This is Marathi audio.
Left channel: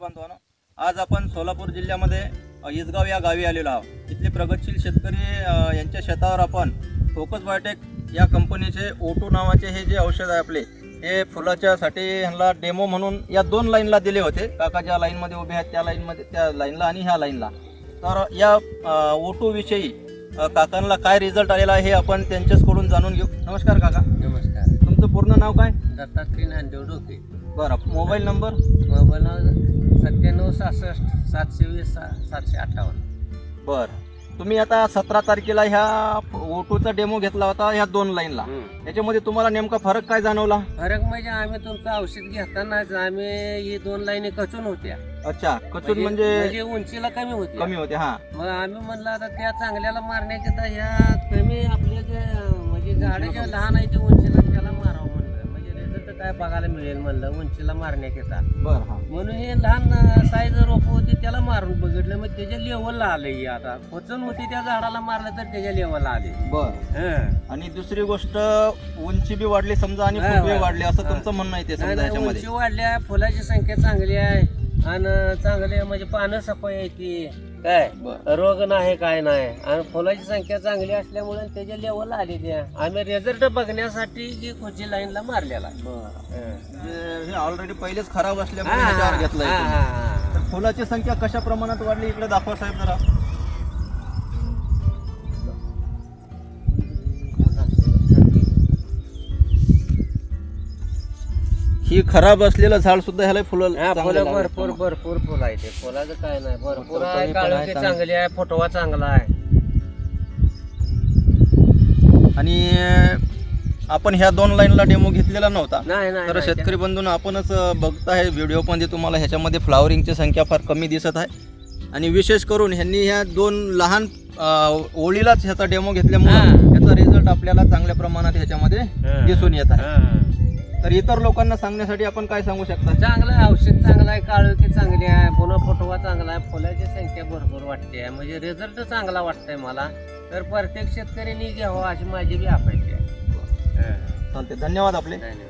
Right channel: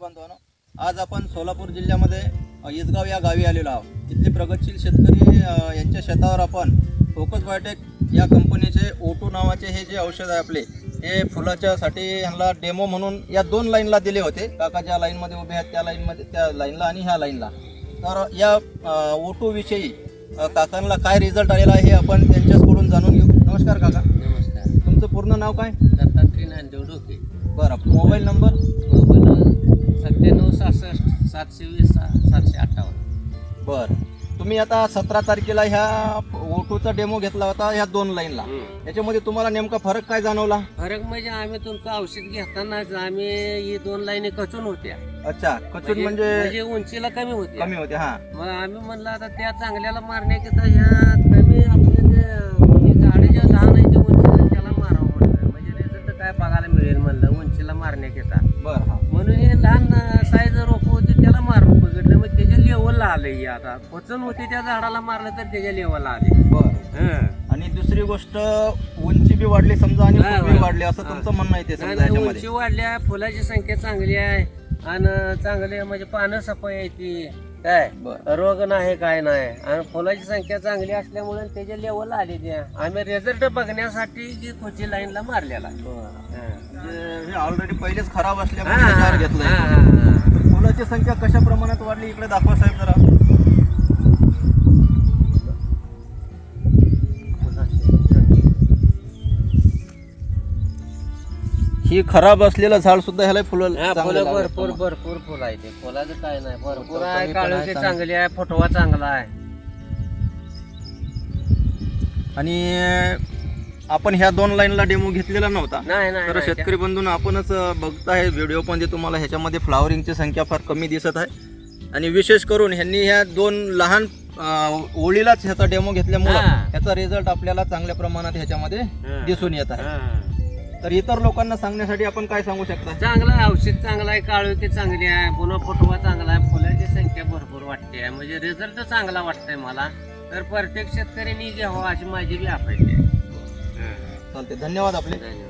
बांधवांनो आज आपण सोलापूर जिल्ह्यामध्ये इसगाव या गावी आलेलो आहोत. इथले प्रगतशील शेतकरी यांच्या शेतावर आपण फोकस बायोटेक या कंपनीचे ओटो नावाचे हे जे औषध आहे आपले हे फुलाच्यासाठी ह्यांना डेमो म्हणून या दोन लाईनला दिले होते. काका ज्या लाईनमध्ये उभे आहेत त्या लाईनमध्ये त्या लाईनला आणि ह्या लाईनला. तर या ओटोविषयी काकांना काय रिझल्ट आलेला आहे हे आपण त्यांच्याचकडून जाणून घेऊ. नमस्कार काका. नमस्कार. तुमचं पूर्ण नाव काय? दत्तात्रय नांदेव डोके बरं मोबाईल नंबर? मोबाईल सत्त्याण्णव सहासष्ट सातशे वीस सा- सातशे अठ्ठावन्न. बर. तुम्ही आता सतरा तारखेला ह्या ओटोचा डेमो घेतला होता ह्या दोन लाईनला. याच्यामध्ये तुम्हाला नेमका फरक काय जाणवला? फरक म्हणजे आम्ही तुमचं औषध घेतानाच आम्ही ही दोन लाईनी कचून होत्या. अच्छा कचून म्हणजे म्हणजे उंचीला कमी होती कमी होते हा. मग आम्ही म्हणलं आता त्या चांगल्याला मारण्याकरिता ह्या कमी आपले जे हे झाडं ज्या लहान काय बघायला मिळेल म्हणलं उंचीला मारण्याकरिता बर हा. म्हणून हे लहान साईज रोप होती त्याला मारून बघितलं. मग त्याच्या लेवलला आलंय हे आता. पचन होती त्या झाडाला मारलं तर त्याच्या लेवलला आले. बर. आणि दुसरी गोष्ट उंची बी वाढली समजा आणि हा, फुटवे हा. वाढले असं तुमचं म्हणणं आहे ते समजा उंची ह्याच्यामध्ये वाढल्या फुलाची संख्या चांगली आहे. आणि चांगली म्हणजे पानं सफाई आहे ती. काय? बर. रोग नाही काय नाही. आणि फुलाची संख्या चांगली असल्यामुळे त्याच्या लेवलला आली त्या आम्ही रिझल्ट बघण्यासाठी जी खोची लाईनला मारलेला आहे. हं. म्हणजे हे ऑलरेडी पहिलेच खराब असल्यामुळे हा, घेतलंय हा. तर फुलाची संख्या कशा प्रमाणात वाढली? इकडे दाखवा साहेब जरा. ही खराब असलेलं झाड सुद्धा ह्याला फुलं हा चांगलं. भरपूर भरपूर फुलं आहे ते फुलाचं काय नाही भरपूर आहे पण काळोखी चांगली. आहे फुटवा चांगला आहे आणि आपण ह्या दोन लाईनला डेमो घेतलेला नव्हता नाही नाही तर नाही. शेतकरी बंधून आपणच बघताय व्हिडिओमध्ये तुम्हाला ह्याच्यामध्ये फ्लावरिंगची संख्या फार कमी दिसत आहे आणि विशेष करून ह्यांनी ह्या दोन लहान अं, ओळीलाच ह्याचा डेमो घेतल्यामुळं हा. ह्याचा रिझल्ट आपल्याला चांगल्या प्रमाणात ह्याच्यामध्ये हं. दिसून येत आहे हं. तर इतर लोकांना सांगण्यासाठी आपण काय सांगू शकता? चांगलं आहे औषध चांगलं आहे काळोखी चांगली आहे पुन्हा फुटवा चांगला आहे फुलाची संख्या भरपूर वाटते आहे. म्हणजे रिझल्ट चांगला वाटतंय मला. तर प्रत्येक शेतकऱ्यांनी घ्यावं अशी माझी बी अपेक्षा आहे. चालते धन्यवाद आपले. धन्यवाद.